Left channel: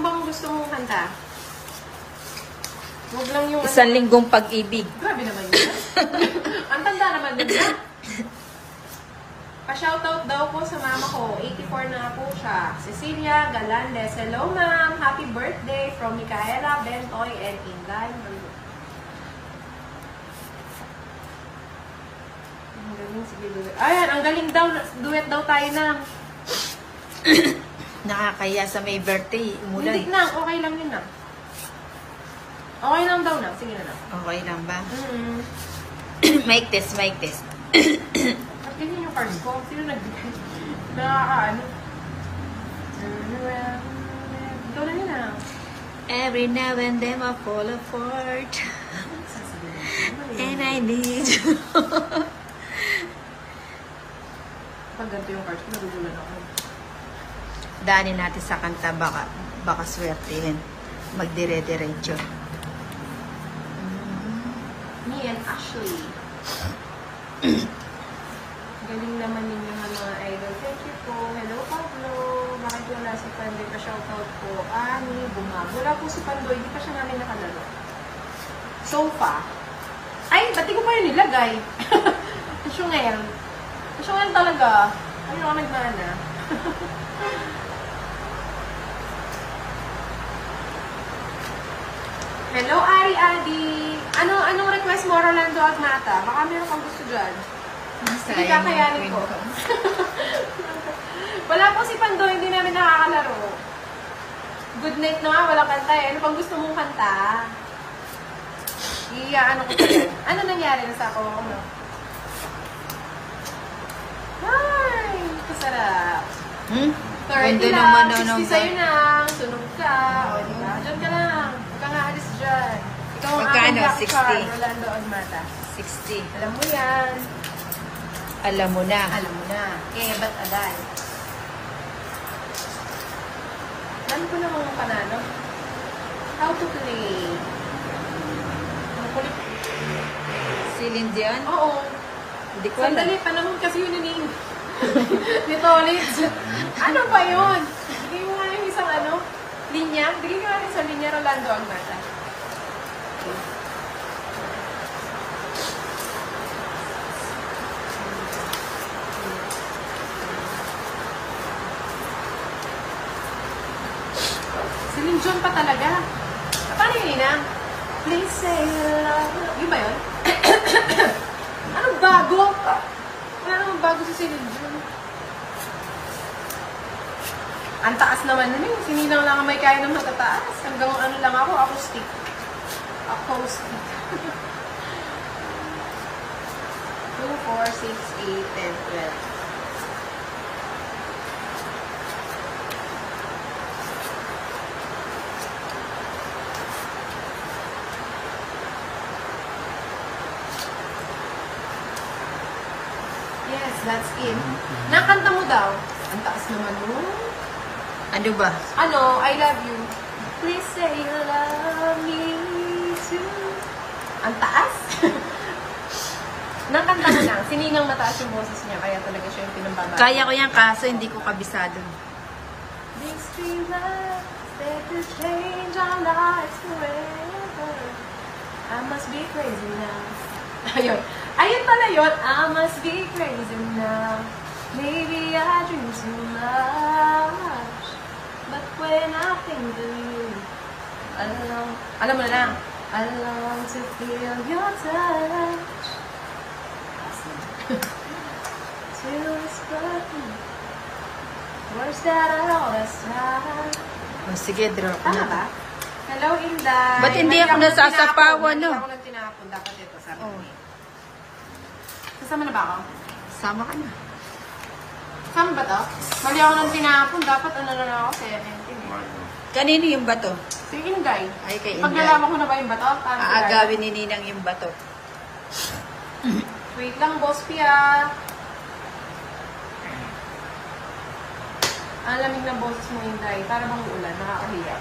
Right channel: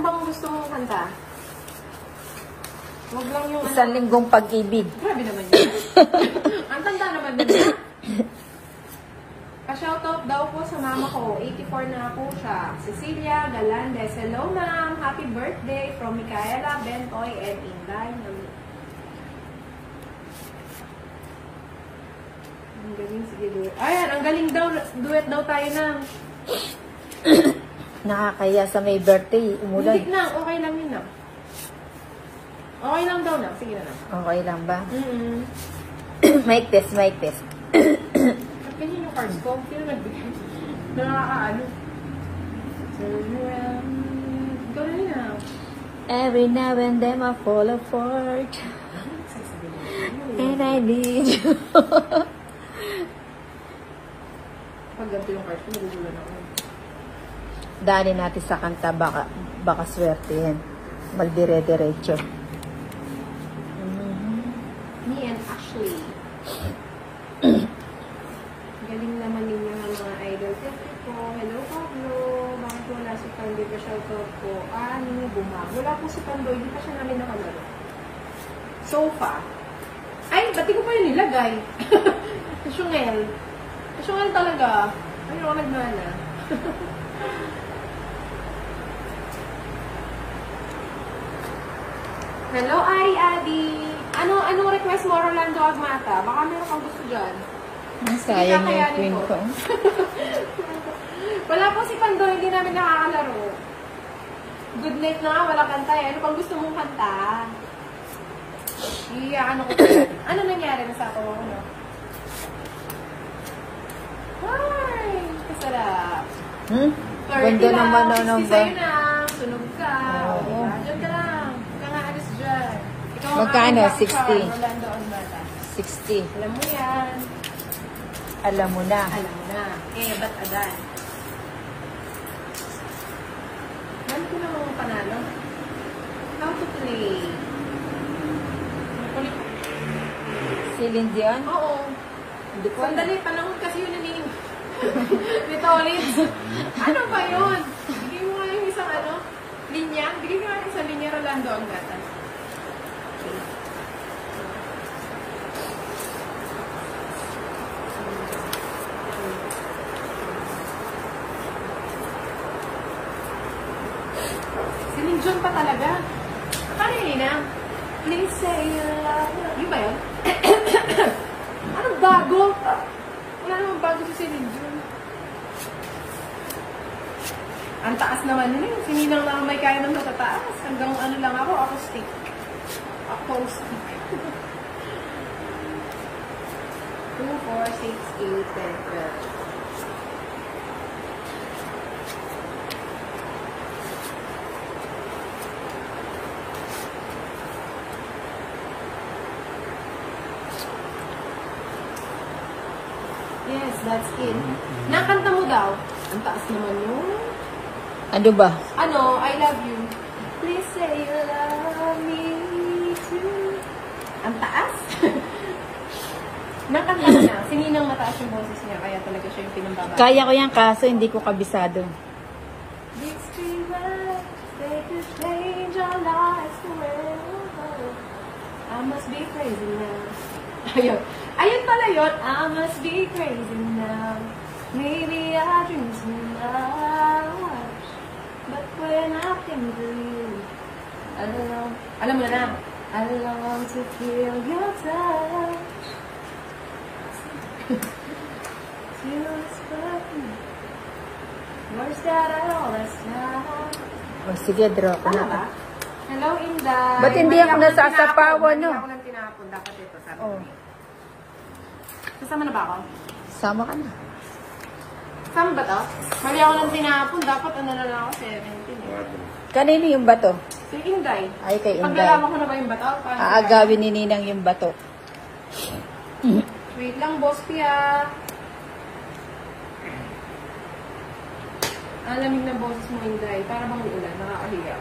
bang gusto mong kanta? Huwag lang yung... Isang linggong pag-ibig. Grabe naman yun. Ang tanda naman din. Pa-shoutout daw po sa mama ko. 84 na po siya. Cecilia Galandes. Hello, ma'am. Happy birthday from Micaela, Bentoy, and Inday. Ang galing, sige, duet. Ayan, ang galing daw. Duet daw tayo na. Nakakaya sa may birthday. Umulan. Hindi na. Okay lang yun na. Okay lang daw na. Sige na. Okay lang ba? Mic test, mic test. Tingnan yung cards ko. Sino nagbigay? Nakakaano. Turn around. Ikaw na nila. Every now and then I fall apart. And I need you. Pag ganito yung cards ko, nagugulan ako. Daanin natin sa kanta, baka swertihin. Magdire-diretso. Me and Ashley. Galing naman ninyo ng mga idol. Thank you po. Hello, Pablo. Bakit wala si Pandoy? Pa-shoutout po. Ani, Bumag. Wala po si Pandoy. Hindi pa siya namin nakalala. Sofa. Ay, ba't di ko pa yun nilagay? Kasyungel. Kasyungel talaga. Ano ako nagmana? Hello, Ari Adi. Anong request mo, Rolando Agnata? Baka meron kang gusto dyan. Sayang yung queen ko. Wala po si Pando, hindi namin nakakalaro. Good night na nga, walang kanta eh. Ano pang gusto mong kanta? Ano ko ano nangyari na sa ako? Hi! Kasarap. Ganda naman na 60 naman. sa'yo na. Sunog ka. O, diba? Diyan ka lang. Huwag ka nga alis dyan. Ikaw ang Magkano? aking 60? laksan, Rolando Agnata. 60. Alam mo yan. Alam mo na. Alam mo na. Eh, ba't agad? Alam ko na mga panalo. How to play? Celine Dion? Oo. Hindi ko alam. Sandali, panahon kasi yun ni Dito ulit. Ano ba yun? Bigay mo nga yung isang linya. Bigay ka nga isang linya Rolando Agnata. Celine Dion pa talaga. Paano yun na? Please say you love me. Yun ba yun? Anong bago? Wala namang bago sa Celine Dion. Ang taas naman nun eh. Sininang lang may kaya ng matataas. Hanggang ano lang ako, acoustic. Acoustic. 2, 4, 6, 8, 10, 12. Yes, that's it. Nakanta mo daw. Ang taas naman mo. Ano ba? Ano, I love you. Please say you love me too. Ang taas? Nakanta na. Siningang mataas yung boses niya, kaya talaga siya yung pinambaba. Kaya ko yan kaso hindi ko kabisado. Let's be love, they could change our lives forever. I must be crazy now. Ayun. Ayun pala yun. I must be crazy now. Maybe I dream too much. But when I think of you, alam mo na lang. I long to feel your touch. To whisper words that I always tell. O sige, draw ko Ano na. ba? Hello, Inday. Ba't hindi ako nasasapawan, no? Hindi ako nang tinapon. Dapat ito sa akin. Oh, Kasama na ba ako? sama ka na. Saan ba ito? Mali ako nang tinapon. Dapat ano na lang ako, 70. Kanino yung bato? Si Inday. Ay, kay Inday. Paglalaman ko na ba yung bato? Aagawin ni Ninang yung bato. Wait lang, Boss Pia. Alamig ng boses mo, Inday. Para bang ulan, nakakahiya.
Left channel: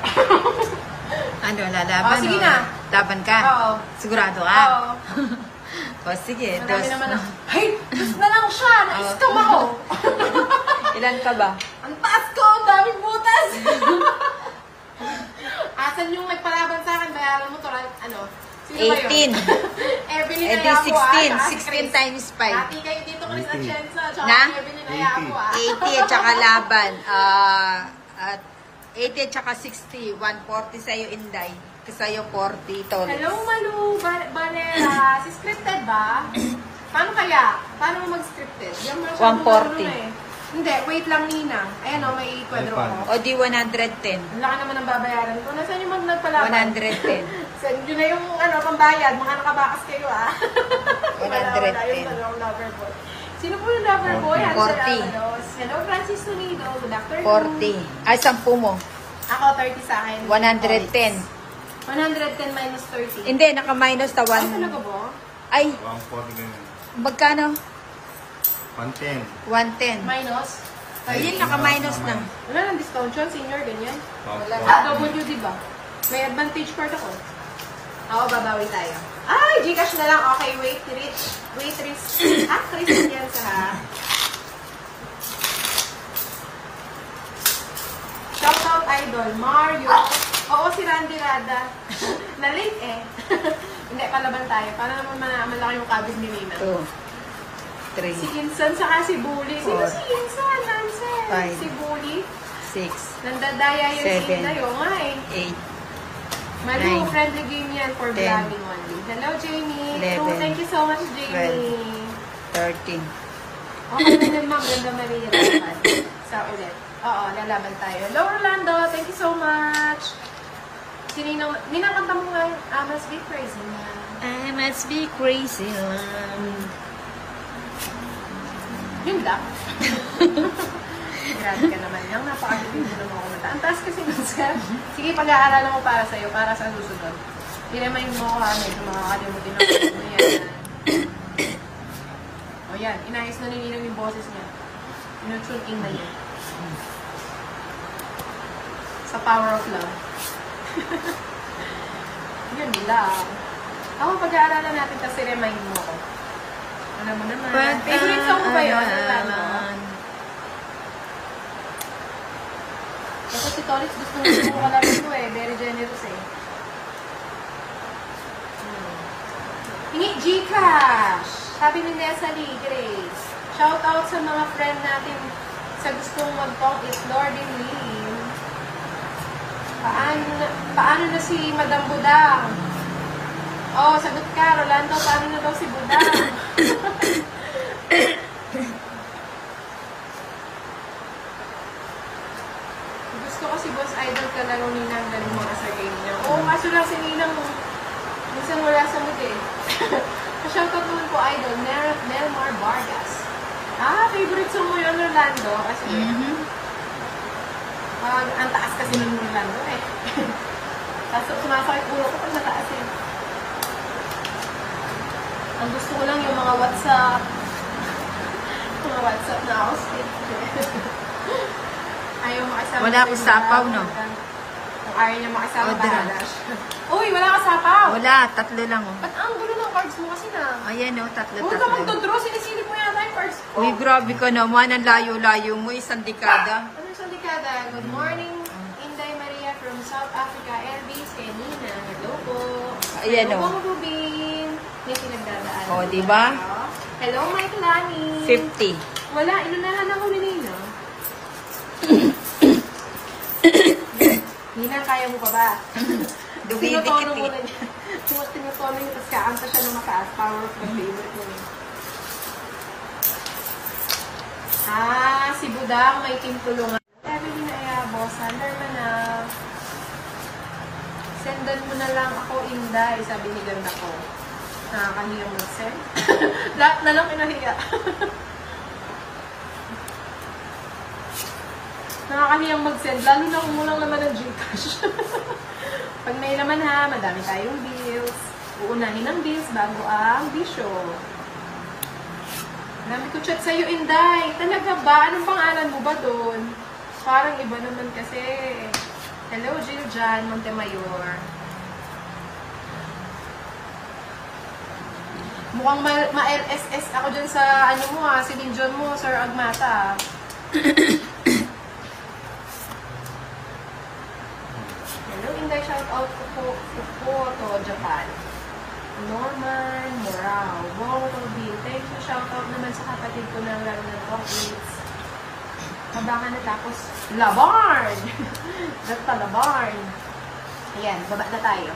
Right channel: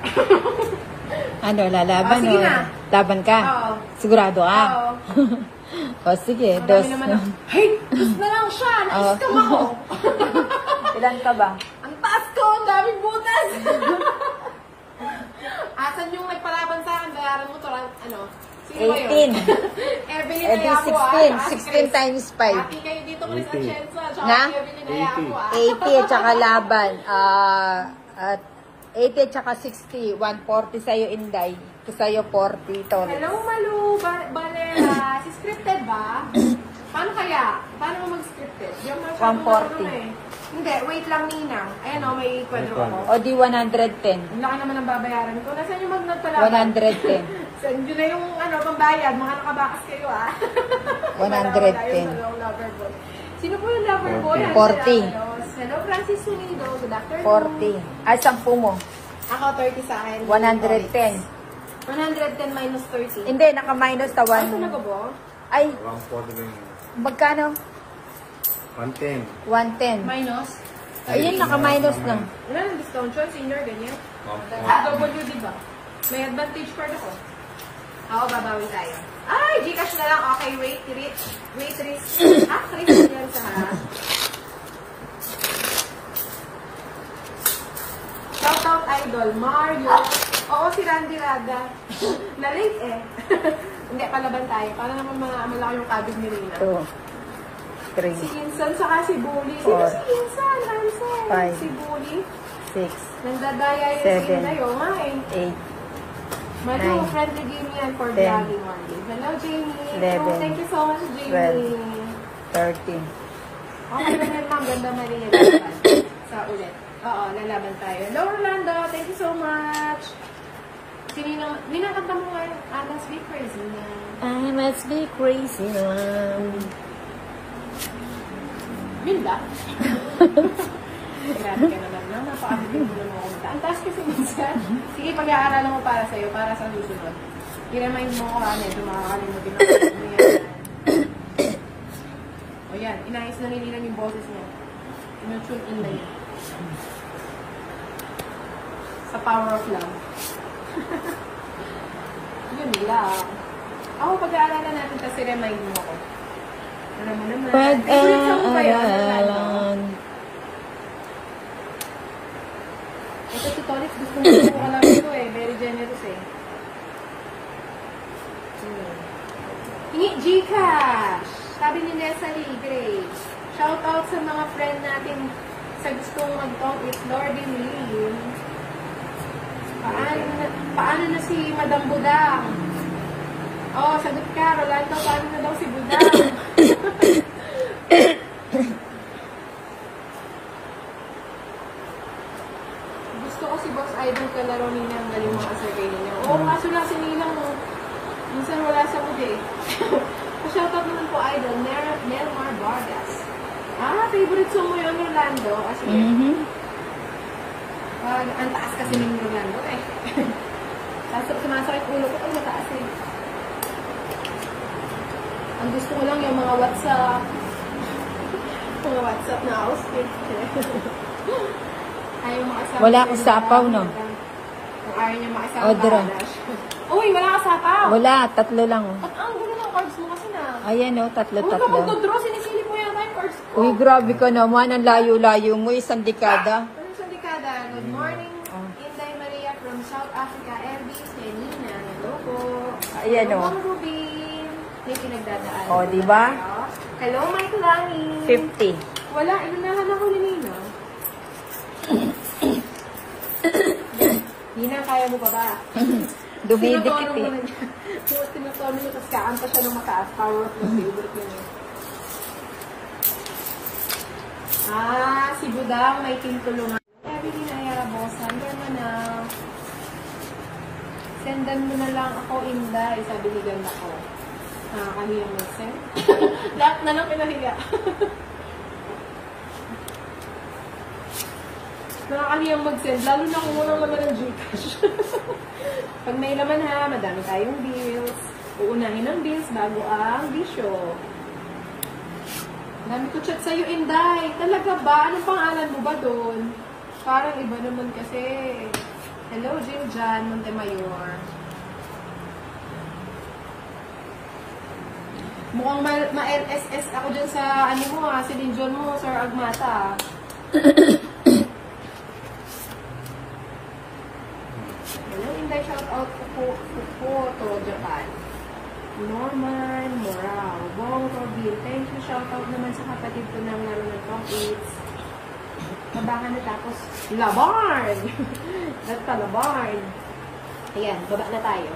Ano, lalaban Oh, sige o? na. Laban ka? Oo. Sigurado ka? Oo. O sige, Marami dos. naman na. Hey! Dos na lang siya! Na-scam ako! Ilan ka ba? Ang taas ko! Ang daming butas! babayaran mo to, ano? Sino ba 18. yun? Evelyn Eh di Ayapo, 16. 16 times 5. Happy kayo dito, Chris Atienza. Tsaka Na? Evelyn Ayapo, 80 at saka laban. At 80 at saka 60. 140 sa'yo, Inday. Sa'yo, 40 tones. Hello, Malu. Barera. Si scripted ba? Paano kaya? Paano mo mag-scripted? 140. Hindi, wait lang, Ninang. Ayan o, may kwadro ako. O di 110. Ang laki naman ang babayaran ko. Nasaan yung magnat pala? 110. Send nyo na yung pambayad. Mga nakabakas kayo, 110. Sino po yung lover boy? 40. Hello, Francis Sunido. Good afternoon. 40. Ay, 10 mo. Ako, 30 sa akin. 110. 110 minus 30. Hindi, naka-minus na Ano talaga 1. ba? Ay, 140 na. magkano? 110. 110. Minus? Ayun, naka-minus na. Wala nang discount yun, senior, ganyan. W, di ba? May advantage part ako. Oo, babawi tayo. Ay, Gcash na lang. Okay, wait, Rich. Actress yan sa ha. Shoutout idol, Mario. Oo, si Randy Rada. Na-late eh. Hindi, palaban tayo. Para naman malaki yung cabin ni Mina. 2, 3, Si Insan, saka si Bully. Sino Four. si Insan? Nansan. Five. Si Bully. 6, Nandadaya yung Seven. sila yun nga eh. 8, Mali Nine. yung friendly game yan for 10. vlogging Monday. Hello, Jamie. 11. Thank you so much, Jamie. 13. Okay na din, ma'am. Ganda Maria. Sa ulit. Oo, lalaban tayo. Hello, Rolando. Thank you so much. Si Nina, kanta mo nga. I must be crazy. I must be crazy. Yun lang. Grabe ka naman lang. Napakalabi mo lang ako. Ang taas kasi Banska. Sige, pag-aaralan mo para sa'yo, para sa susunod. Ginamayin mo ako medyo makakalimutin ako. O yan, inayos na nilinang yung boses niya. Tinutune in na yan. Sa power of love. Yun lang. Ako, pag-aaralan natin kasi remind mo ako. Alam mo naman. Favorite song mo ba yun? Pag-aaralan. Ito si Tolitz, gusto na yung alam ko eh. Very generous eh. Hingi Gcash! Sabi ni Nesali Grace. Shout out sa mga friend natin sa gusto mag-talk is Lordy Lee. Paano na si Madam Budang? Oh, sagot ka, Rolando. Paano na daw si Budang? Gusto ko si Boss Idol ka na rin Ninang. Galing mo sa kay Ninang. Oo, kaso lang si Ninang. Minsan wala sunod eh. Pa-shoutout naman po Idol. Nelmar Vargas. Favorite song mo yun, Rolando. Kasi ang taas kasi ng Rolando eh. Kaso sumasakit ulo ko pag nataas eh. Ang gusto ko lang yung mga WhatsApp. Yung mga WhatsApp na outfit. Ayaw makasama. Wala akong sapaw, no? Kung ayaw niya makasama, O, dira. bahala siya. Uy, wala ka sapaw! Wala, 3 lang. Oh. Ba't ang gulo ng cards mo kasi na? Ayan o, Huwag ka 3. magdodraw, sinisilip mo yata yung cards ko. Uy, grabe ka naman. Ang layo-layo mo. Isang dekada. Ano sa dekada? Good morning, Inday Maria from South Africa. Elvis, Kenina. Hello po. Ayan o. Hello, Rubin. Dito nagdadaan. O, diba? Hello, Mike Lani. 50. Wala, inunahan ako ni Nina. Nina, kaya mo pa ba? Dumidikit Tinutono mo eh. na niya. Tinutono niya, tapos kaanta siya ng makaas. Parang yung favorite niya. Si Budang, may timpulungan. Sabi ni Naya, boss, sandal mo na. Sendan mo na lang ako, Inday. Sabi ni ganda ko. Nakakahiyang mag-send. Lahat na lang pinahiya. Nakakahiyang mag-send. Lalo na kung walang laman ng Gcash. Pag may laman ha, madami tayong bills. Uunahin ang bills bago ang bisyo. Dami ko chat sa'yo, Inday. Talaga ba? Anong pangalan mo ba doon? Parang iba naman kasi. Hello, Jill Jan, Montemayor. Mukhang ma-LSS ako dyan sa, ano mo ha, Celine mo, Sir Agmata. Hello, Inday. shout out po to Japan. Norman Morao. Wong Robin. Thank you. Shout out naman sa kapatid ko na lalo ng profits. Baka natapos. Labarn! Basta Labarn. Ayan, baba na tayo.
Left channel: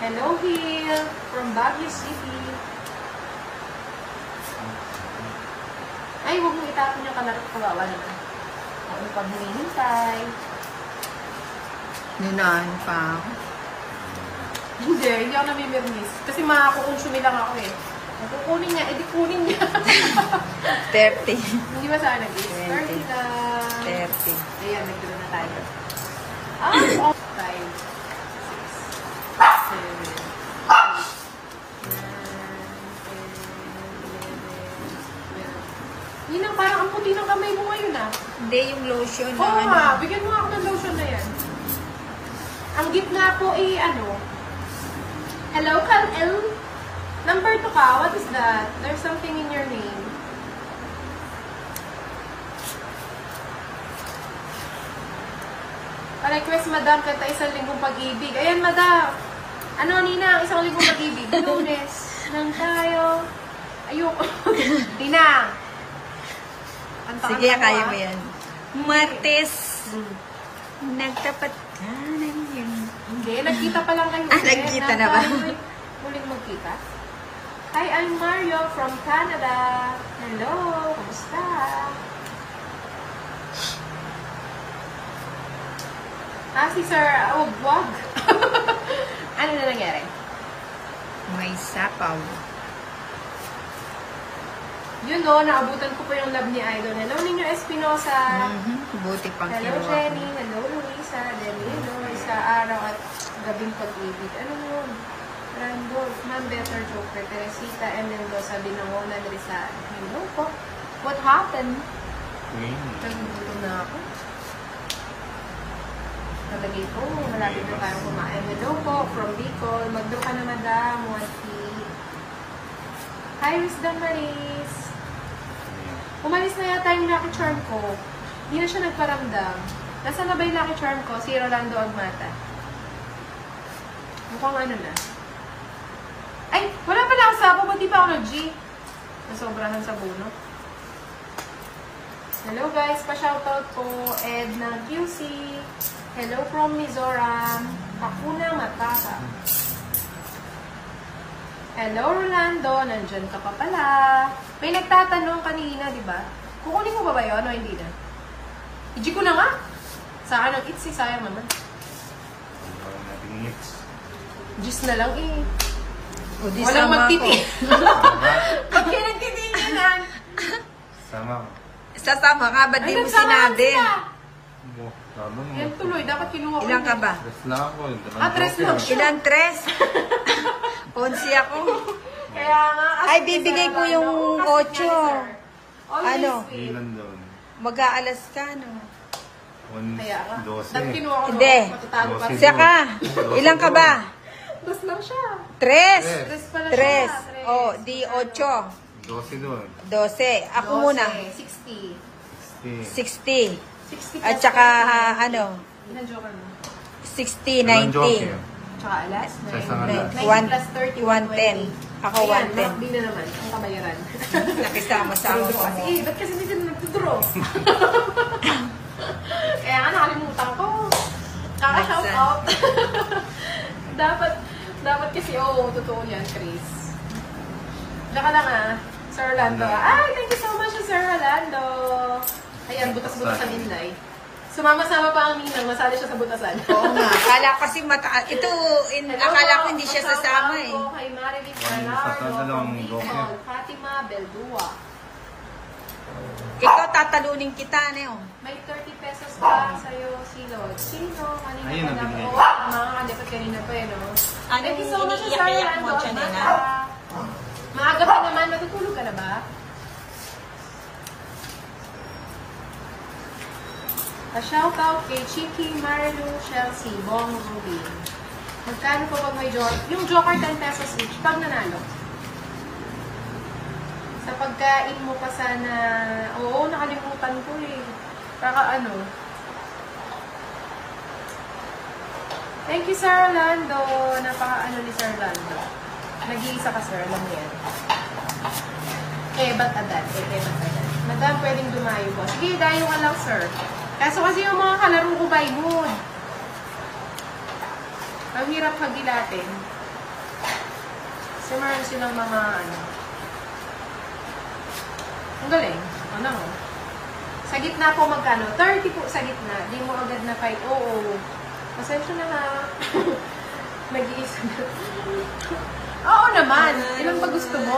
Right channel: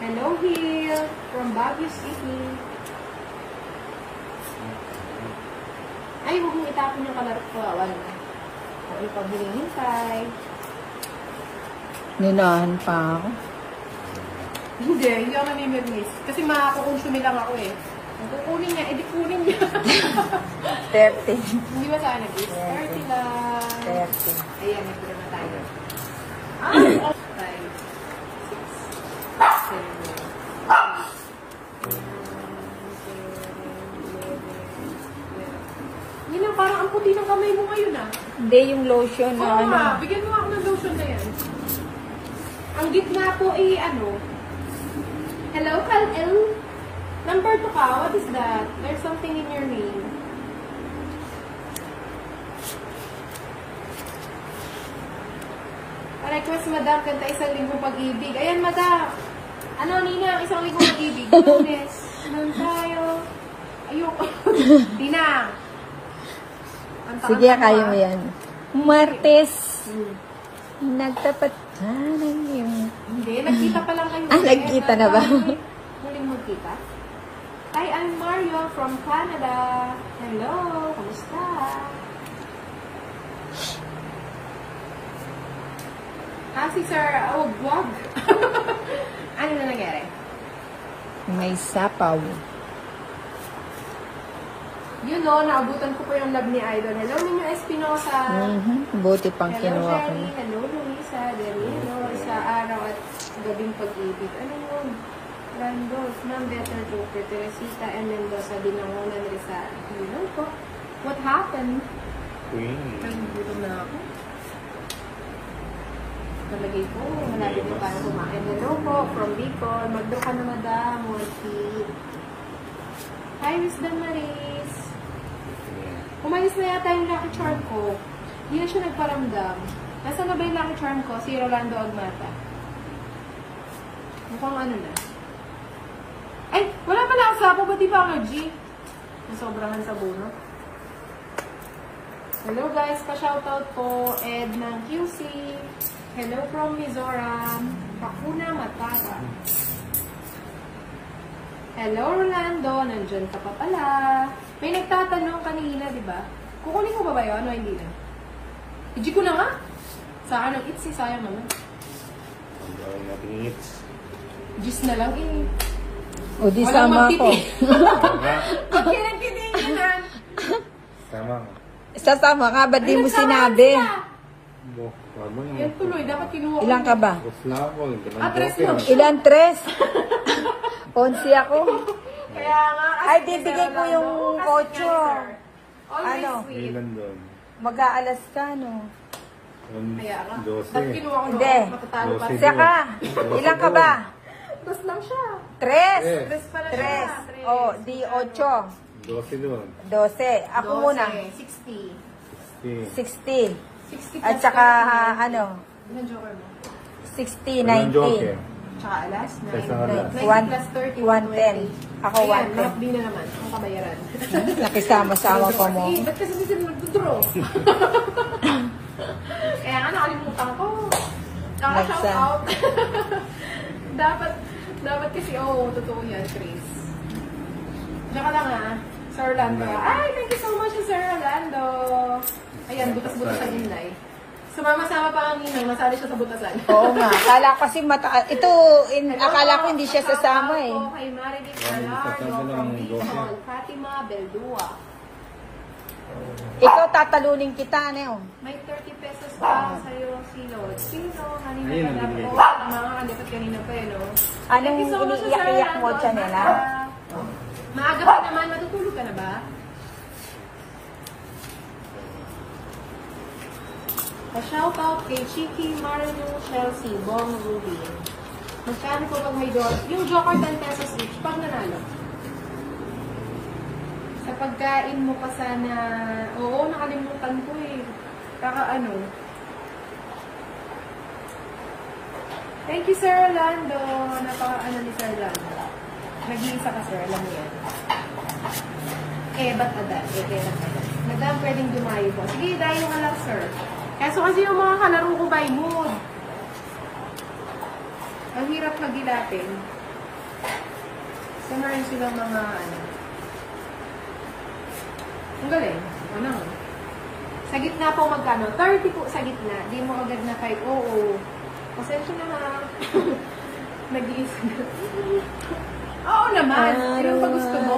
Hello, Hill. From Baguio City. Ay, huwag mong itapon yung kalarap kawawa naman. Okay, pag hinihintay. Nunahan pa ako. Hindi ako namimirmis. Kasi makakakonsumi lang ako eh. Kukunin niya, edi kunin niya. 30. Hindi ba sana guys? 30 lang. 30. Ayan, nagtira na tayo. 5, 6, 7, 8, 9, 10, 11, 12. Yun ang parang ang puti ng kamay mo ngayon ah. Hindi, yung lotion na Oo ano. nga, bigyan mo nga ako ng lotion na yan. Ang gitna po ay ano. Hello, Kal-Il. Number 2 ka, what is that? There's something in your name. Pa-request, madam, kanta isang linggong pag-ibig. Ayan, madam. Ano, Nina, isang linggong pag-ibig. Lunes, nang tayo. Ayoko. Nina. Sige, kaya mo yan. Martes. Nagtapat ka ng yun. Hindi, nagkita pa lang kayo. Nagkita na ba? Muling magkita. Hi, I'm Mario from Canada. Hello, kumusta? Si Sir, wag. Ano na nangyari? May sapaw. Yun o, naabutan ko pa yung love ni Idol. Hello, Ninyo Espinosa. Buti pang kinuha ko. Jenny. Hello, Lisa. Then, sa araw at gabing pag-ibig. Ano yun? Randolph, Man Better Joker, Teresita, and then sabi na mo, Rizal. Hello po. What happened? Nagbuto na ako. Nalagay ko. Marami na tayo kumain. Hello po, from Bicol. Magdo ka na madam. Wati. Hi, Miss Damaris. Umalis na yata yung Lucky Charm ko. Hindi na siya nagparamdam. Nasaan na ba yung Lucky Charm ko? Si Rolando Agmata. Mukhang ano na. Ay! Wala pala ako sapo. Ba't di pa ako nag-G? Nasobrahan sa buno. Hello guys! Pa-shoutout po. Ed ng QC. Hello from Mizoram. Hakuna Matata. Hello Rolando. Nandyan ka pa pala. May nagtatanong kanina, di ba? Kukunin ko ba yun? Ano hindi na? I-G ko na nga. Sa akin ang itzy, sayang naman. Gawin natin ngits. Gis na lang eh. O di sama ko. Pag kinagtitinginan. Sama ka. Sasama ka, ba't di mo sinabi? Sabi mo. Yan tuloy, dapat kinuha ko. Ilan ka ba? Tres na ako. Tres lang. Ilan? 3? 11 ako. Kaya nga. Ay, bibigay ko yung 8. Ano? Ilan doon? Mag-aalas ka, no? Kaya nga. 12. Dapat kinuha ko. Hindi. Nakatalo pa. Dose. Siya ka. Ilan ka ba? Dos lang siya. 3. Tres pala siya. 3. O, di 8. 12 doon. 12. Ako muna. 60. 60. 60 60. At saka, ano, Ilan joker mo? 60, Ilang 90. joker? Tsaka alas? Sa isang alas. 90 plus 30, 110. Ako Ayan, 110. lockbin na naman. Ang kabayaran. Nakisama sa awa ko mo. Sige, ba't kasi hindi ka nagtudraw? Kaya nga nakalimutan ko. Kaka-shout out. dapat kasi, totoo yan, Chris. Diyan ka lang ah. Sir Orlando. Ay, thank you so much, Sir Orlando. Ayan, butas-butas ang Inday. Sumama-sama pa ang inang, nasali siya sa butasan. Oo nga. Akala ko kasi ito, akala ko hindi siya sasama eh. Kay Marilyn Yan, Salaro, sa todo ng from joker. Bicol, Fatima Beldua. Ikaw tatalunin kita, Neo. May 30 pesos pa sa'yo, Sino? Kanina Ayun, na nabigay po. ko. Mga kanina sa kanina pa eh, no? Anong Thank you so much, iniiyak-iyak Sir mo, Arnold. Chanela? Maaga pa naman, matutulog ka na ba? A shoutout kay Chiki, Marilyn, Chelsea, Bong Ruby. Magkano po pag may joker? Yung joker 10 pesos each, pag nanalo. Sa Sa pagkain mo pa sana, oo, nakalimutan ko eh. Kaka-ano. Thank you, Sir Orlando. Napaka-ano ni Sir Orlando. Nag-iisa ka, Sir. Alam mo yan. Ba't agad? Ba't agad? Madam, pwedeng dumayo mo. Sige, dayo ka lang, Sir. Kaso kasi yung mga kalaro ko by mood. Ang hirap kagilatin. Simulan silang mga ano. Ang galing. Ano mo? Sa gitna po magkano? 30 po sa gitna. Di mo agad na 5. Oo. Pasensya na ha. Nag-iisa na. Oo naman. Yung ba gusto mo?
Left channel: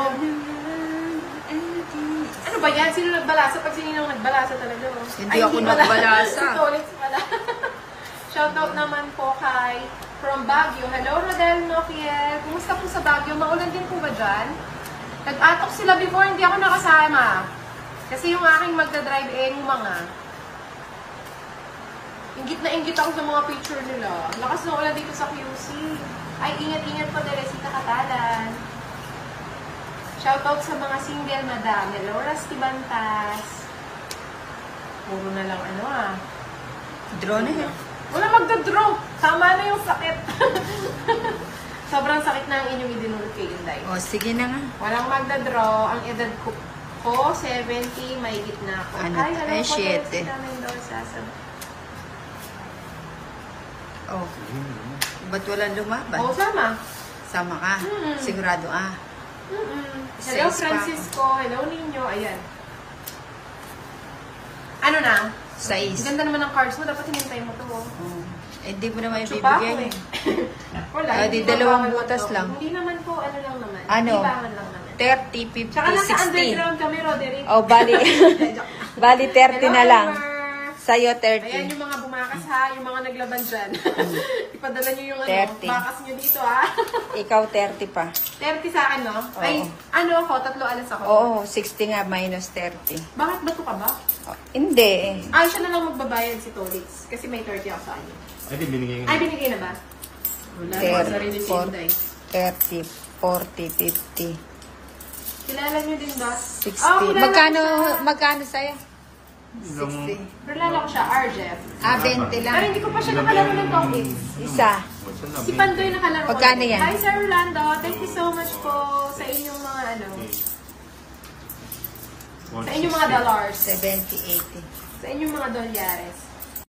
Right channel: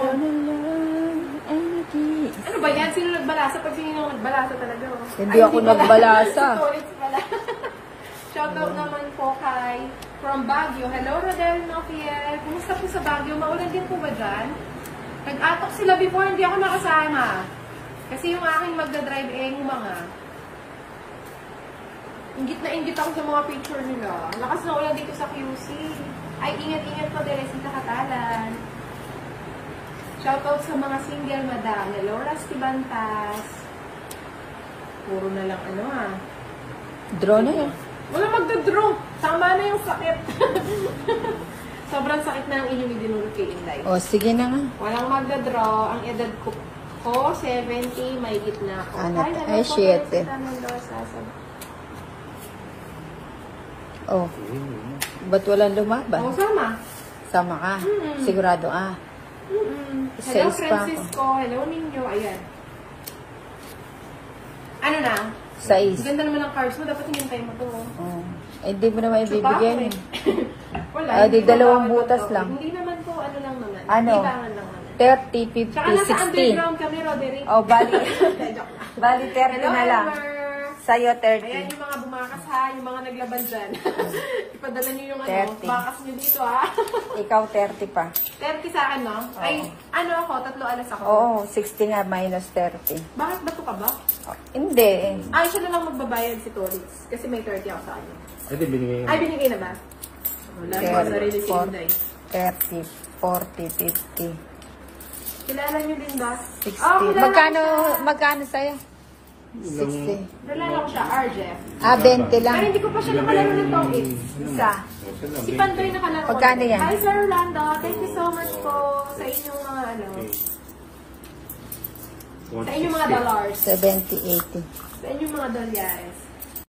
Ano ba yan? Sino nagbalasa? Pag sino nagbalasa talaga mo? Hindi ako nagbalasa. Shoutout naman po kay from Baguio. Hello, Rodel Nokiel. Kumusta po sa Baguio? Maulan din po ba dyan? Nag-atok sila before, hindi ako nakasama. Kasi yung aking magdadrive yung mga ingit na ingit ako sa mga picture nila. Lakas na ulan dito sa QC. Ay, ingat-ingat po dahil si Takatadan. Shoutout sa mga single na dahil. Laura Stibantas. Puro na lang ano ah. Draw na yan. Wala magda-draw. Tama na yung sakit. Sobrang sakit na ang inyong idinulog kay Inday. O, sige na nga. Walang magda-draw. Ang edad ko 70, may gitna ko. Ano? Ay, shit eh. Oh, ba't walang lumaban? Oo, sama. Sama ka? Sigurado ah. Hello, Sa pa Francisco. Hello, Ninyo. Ayan. Ano na? 6. Ganda naman ng cars mo. Dapat hinintay mo to. Oh. Eh, di mo naman ibibigay. Wala. Ah, di dalawang butas lang. Hindi naman po, ano lang naman. Ano? Libangan lang naman. 30, 50, Tsaka nasa 60. underground kami, Roderick. Oh, bali. Bali 30 na lang. Sa'yo, Ayan 30. yung mga bumakas ha, yung mga naglaban dyan. Ipadala nyo yung 30. bakas nyo dito ha. Ikaw, 30 pa. 30 sa akin, no? Oo. Ay, ano ako, 3 alas ako. Oo, 60 nga, minus 30. Bakit ba ito ka ba? Oh, hindi eh. Ay, siya na lang magbabayad si Tolitz. Kasi may 30 ako sa kanya. Hindi, binigay Ay, nga. binigay na ba? Wala, ako na rin yung Inday. 30, 40, 50, Kilala nyo din, Das? 60. Magkano sa'yo? 60. Kilala ko siya, RJF. Ah, 20 Pero lang. hindi ko pa siya nakalaro ng Tolitz. Isa. Si Pandoy nakalaro. Pagkano yan? Hi, Sir Orlando. Thank you so much po sa inyong mga, ano, sa inyong mga dollars. 70, 80. Sa inyong mga dolyares.